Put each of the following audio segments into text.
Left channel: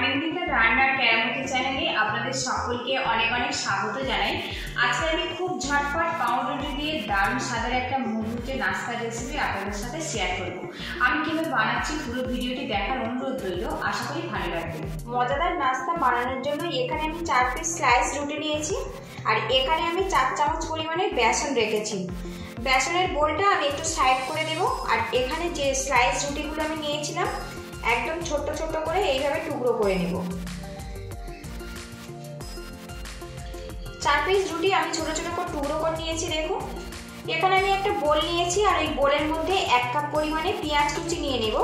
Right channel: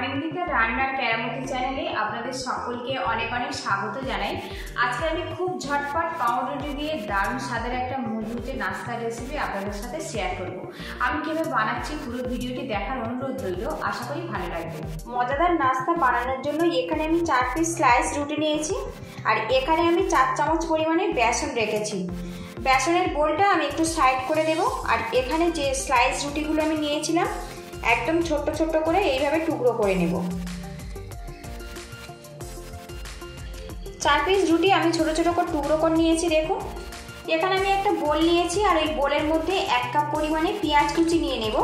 অনিন্দিতা রান্নার কেরামতি চ্যানেলে আপনাদের সকলকে অনেক অনেক স্বাগত জানাই। আজকে আমি খুব ঝটপট পাউরুটি দিয়ে দারুণ স্বাদের একটা মুড়মুড়ে নাস্তার রেসিপি আপনাদের সাথে শেয়ার করব। আমি কিভাবে বানাচ্ছি পুরো ভিডিওটি দেখার অনুরোধ রইল, আশা করি ভালো লাগবে। মজাদার নাস্তা বানানোর জন্য এখানে আমি 4 পিস স্লাইস রুটি নিয়েছি আর এখানে আমি 4 চামচ পরিমাণে বেসন রেখেছি। বেসনের বোলটা আমি একটু সাইড করে দেব আর এখানে যে স্লাইস রুটিগুলো আমি নিয়েছিলাম একদম ছোট ছোট করে এইভাবে টুকরো করে নেব। 4 পিস রুটি আমি ছোট ছোট করে টুকরো করে নিয়েছি। দেখুন এখানে আমি একটা বোল নিয়েছি আর এই বোলের মধ্যে 1 কাপ পরিমাণে পেঁয়াজ কুচি নিয়ে নেব।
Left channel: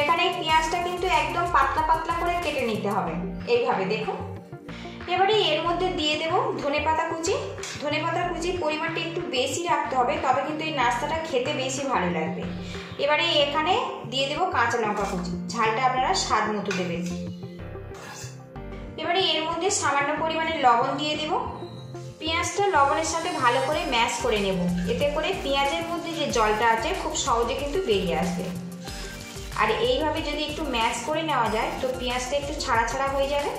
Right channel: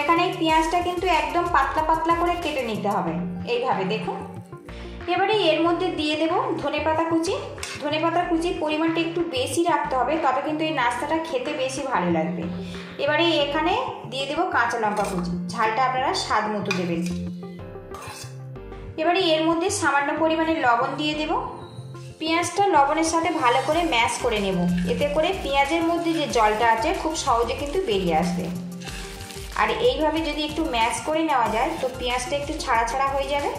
এখানে এই পেঁয়াজটা কিন্তু একদম পাতলা পাতলা করে কেটে নিতে হবে এইভাবে। দেখুন এবারে এর মধ্যে দিয়ে দেব ধনেপাতা কুচি। ধনেপাতার কুচির পরিমাণটা একটু বেশি রাখতে হবে, তবে কিন্তু এই নাস্তাটা খেতে বেশি ভালো লাগবে। এবারে এখানে দিয়ে দেব কাঁচা লঙ্কা কুচি, ঝালটা আপনারা স্বাদ মতো দেবেন। এবারে এর মধ্যে সামান্য পরিমাণে লবণ দিয়ে দেব। পেঁয়াজটা লবণের সাথে ভালো করে ম্যাশ করে নেব, এতে করে পেঁয়াজের মধ্যে যে জলটা আছে খুব সহজে কিন্তু বেরিয়ে আসবে। আর এইভাবে যদি একটু ম্যাশ করে নেওয়া যায় তো পেঁয়াজটা একটু ছাড়া ছাড়া হয়ে যাবে।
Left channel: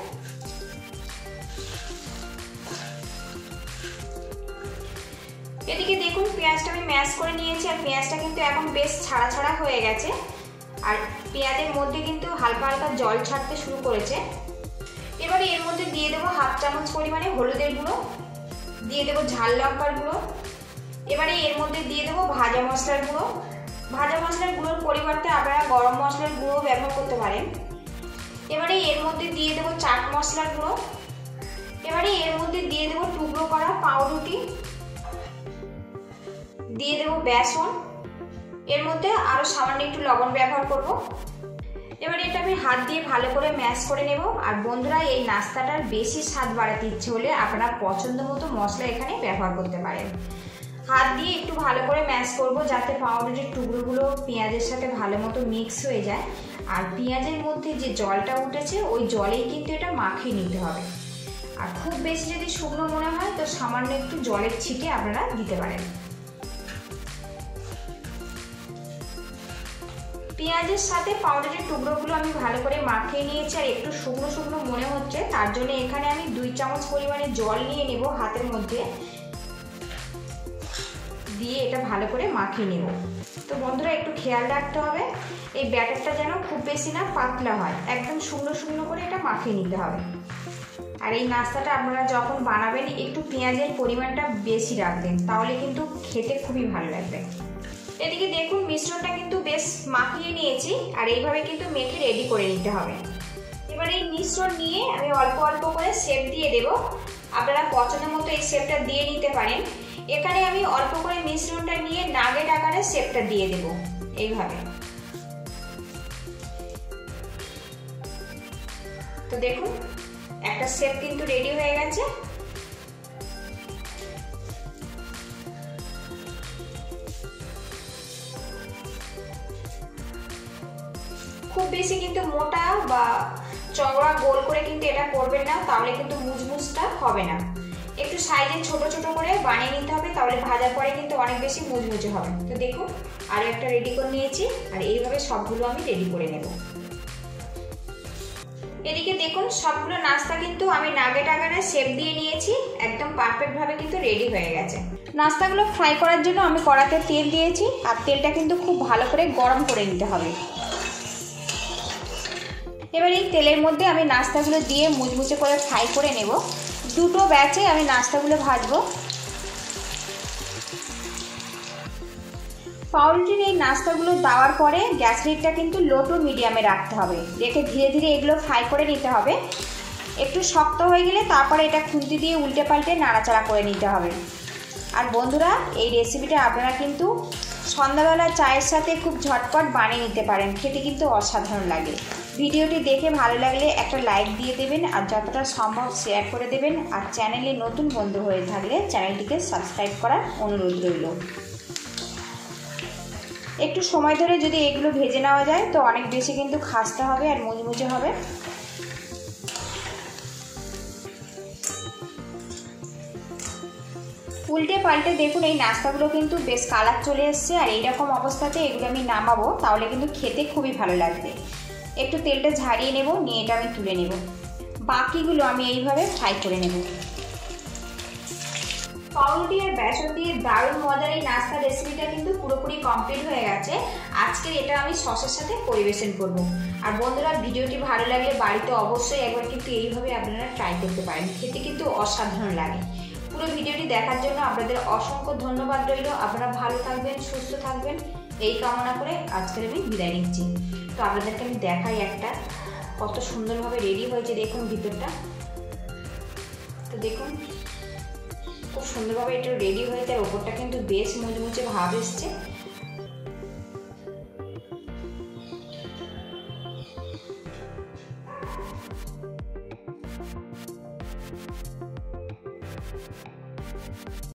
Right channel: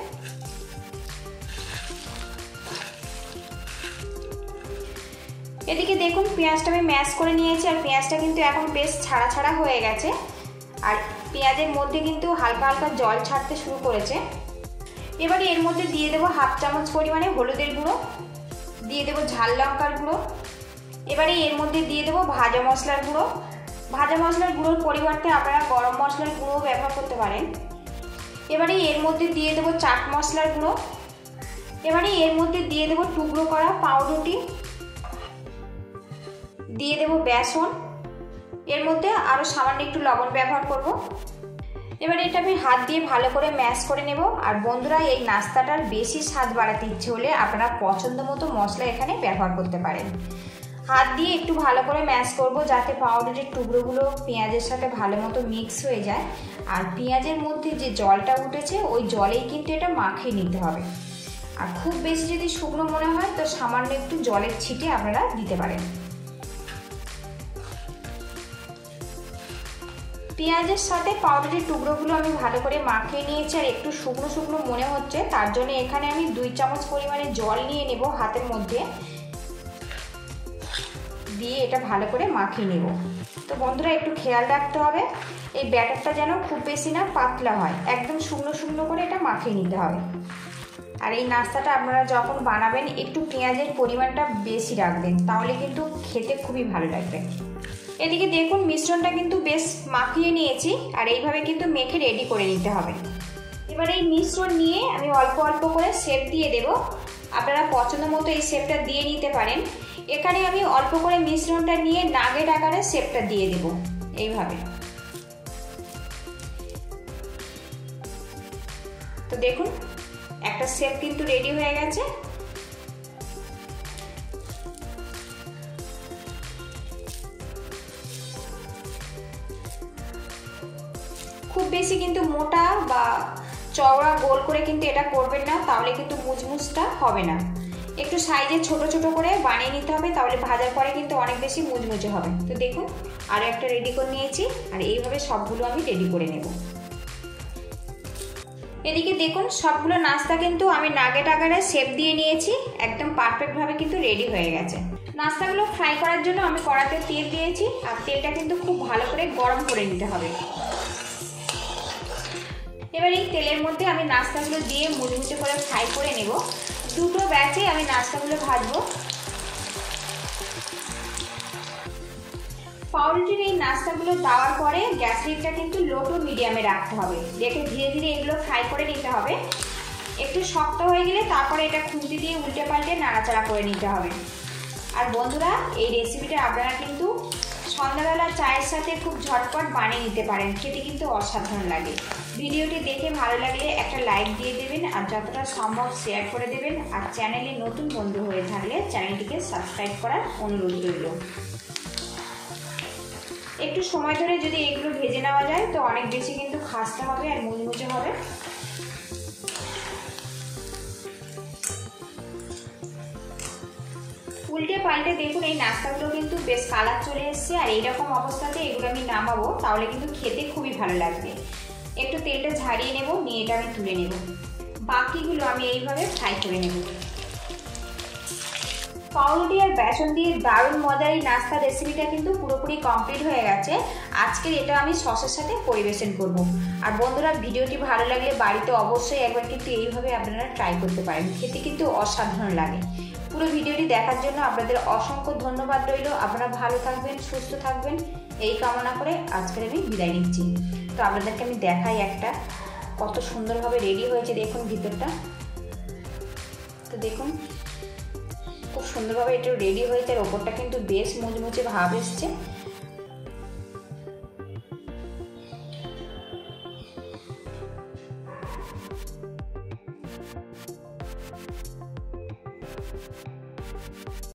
এদিকে দেখুন পেঁয়াজটা আমি ম্যাশ করে নিয়েছি আর পেঁয়াজটা কিন্তু এখন বেশ ছাড়া ছাড়া হয়ে গেছে আর পেঁয়াজের মধ্যে কিন্তু হালকা হালকা জল ছাড়তে শুরু করেছে। এবারে এর মধ্যে দিয়ে দেবো 1/2 চামচ পরিমাণে হলুদের গুঁড়ো, দিয়ে দেবো ঝাল লঙ্কার গুঁড়ো। এবারে এর মধ্যে দিয়ে দেবো ভাজা মশলার গুঁড়ো। ভাজা মশলার গুঁড়োর পরিবর্তে আপনারা গরম মশলার গুঁড়ো ব্যবহার করতে পারেন। এবারে এর মধ্যে দিয়ে দেবো চাট মশলার গুঁড়ো। এবারে এর মধ্যে দিয়ে দেবো টুকরো করা পাউরুটি, দিয়ে দেবো বেসন, এর মধ্যে আরো সামান্য একটু লবণ ব্যবহার করব। এবার এটা আমি হাত দিয়ে ভালো করে ম্যাশ করে নেব। আর বন্ধুরা এই নাস্তাটার বেশি স্বাদ বাড়াতে ইচ্ছে হলে আপনারা পছন্দ মতো মশলা এখানে ব্যবহার করতে পারেন। হাত দিয়ে একটু ভালো করে ম্যাশ করব যাতে পাউরুটির টুকরোগুলো পেঁয়াজের সাথে ভালো মতো মিক্স হয়ে যায়। আর পেঁয়াজের মধ্যে যে জলটা উঠেছে ওই জলেই কিন্তু এটা মাখিয়ে নিতে হবে। আর খুব বেশি যদি শুকনো মনে হয় তো সামান্য একটু জলের ছিটে আপনারা দিতে পারেন। পেঁয়াজের সাথে পাউরুটির টুকরোগুলো আমি ভালো করে মাখিয়ে নিয়েছি আর একটু শুকনো শুকনো মনে হচ্ছে, তার জন্য এখানে আমি 2 চামচ পরিমাণে জল নিয়ে নেব হাতের মধ্যে, দিয়ে এটা ভালো করে মাখিয়ে নেব। তো বন্ধুরা একটু খেয়াল রাখতে হবে এই ব্যাটারটা যেন খুব বেশি না পাতলা হয়, একদম শুকনো শুকনো করে এটা মাখিয়ে নিতে হবে। আর এই নাস্তাটা আপনারা যখন বানাবেন একটু পেঁয়াজের পরিমাণটা বেশি রাখবেন, তাহলে কিন্তু খেতে খুবই ভালো লাগবে। এদিকে দেখুন মিশ্রণটা কিন্তু বেশ মাখিয়ে নিয়েছি আর এইভাবে কিন্তু মেখে রেডি করে নিতে হবে। এবার এই মিশ্রণ নিয়ে আমি অল্প অল্প করে শেপ দিয়ে দেব। আপনারা পছন্দ মতো এই শেপটা দিয়ে নিতে পারেন। এখানে আমি অল্প করে মিশ্রণটা নিয়ে নাগেট আকারে শেপটা দিয়ে দেব এইভাবে। তো দেখুন একটা শেপ কিন্তু রেডি হয়ে গেছে। খুব বেশি কিন্তু মোটা বা চওড়া গোল করে কিন্তু এটা করবেন না, তাহলে কিন্তু মুচমুচটা হবে না। একটু সাইজে ছোট ছোট করে বানিয়ে নিতে হবে, তাহলে ভাজার পরে কিন্তু অনেক বেশি মুচমুচে হবে। তো দেখুন আরো একটা রেডি করে নিয়েছি আর এইভাবে সবগুলো আমি রেডি করে নেব। এদিকে দেখুন সবগুলো নাস্তা কিন্তু আমি নাগেট আকারে শেপ দিয়ে নিয়েছি, একদম পারফেক্ট ভাবে কিন্তু রেডি হয়ে গেছে। নাস্তাগুলো ফ্রাই করার জন্য আমি কড়াতে তেল দিয়েছি আর তেলটা কিন্তু খুব ভালো করে গরম করে নিতে হবে। এবার এই তেলের মধ্যে আমি নাস্তাগুলো দিয়ে মুচমুচে করে ফ্রাই করে নেব। দুটো ব্যাচে আমি নাস্তাগুলো ভাজবো। পাউরুটির এই নাস্তাগুলো দেওয়ার পরে গ্যাস হিটটা কিন্তু লো টু মিডিয়ামে রাখতে হবে, রেখে ধীরে ধীরে এগুলো ফ্রাই করে নিতে হবে। একটু শক্ত হয়ে গেলে তারপরে এটা খুন্তি দিয়ে উল্টে পাল্টে নাড়াচাড়া করে নিতে হবে। আর বন্ধুরা এই রেসিপিটা আপনারা কিন্তু সন্ধ্যাবেলা চায়ের সাথে খুব ঝটপট বানিয়ে নিতে পারেন, খেতে কিন্তু অসাধারণ লাগে। ভিডিওটি দেখে ভালো লাগলে একটা লাইক দিয়ে দেবেন আর যতটা সম্ভব শেয়ার করে দেবেন। আর চ্যানেলে নতুন বন্ধু হয়ে থাকলে চ্যানেলটিকে সাবস্ক্রাইব করার অনুরোধ রইল। একটু সময় ধরে যদি এগুলো ভেজে নেওয়া যায় তো অনেক বেশি কিন্তু খাস্তা হবে আর মুচমুচে হবে। উল্টে পাল্টে দেখুন এই নাস্তাগুলো কিন্তু বেশ কালার চলে এসছে আর এইরকম অবস্থাতে এগুলো আমি নামাবো, তাহলে কিন্তু খেতে খুবই ভালো লাগবে। একটু তেলটা ঝারিয়ে নেব, নিয়ে এটা আমি তুলে নেব। বাকিগুলো আমি এইভাবে ফ্রাই করে নেব। পাউরুটি আর বেসন দিয়ে দারুণ মজার এই নাস্তার রেসিপিটা কিন্তু পুরোপুরি কমপ্লিট হয়ে গেছে। আজকের এটা আমি সসের সাথে পরিবেশন করব। আর বন্ধুরা, ভিডিওটি ভালো লাগলে বাড়িতে অবশ্যই একবার কিন্তু এইভাবে আপনারা ট্রাই করতে পারেন, খেতে কিন্তু অসাধারণ লাগে। পুরো ভিডিওটি দেখার জন্য আপনাদের অসংখ্য ধন্যবাদ রইল। আপনারা ভালো থাকবেন, সুস্থ থাকবেন এই কামনা করে আজকের আমি বিদায় নিচ্ছি। তো আপনাদেরকে আমি দেখাই একটা কত সুন্দরভাবে রেডি হয়েছে, দেখুন ভিতরটা। তো দেখুন খুব সুন্দরভাবে এটা রেডি হয়েছে, আর ওপরটা কিন্তু বেশ মুচমুচে ভাব এসছে।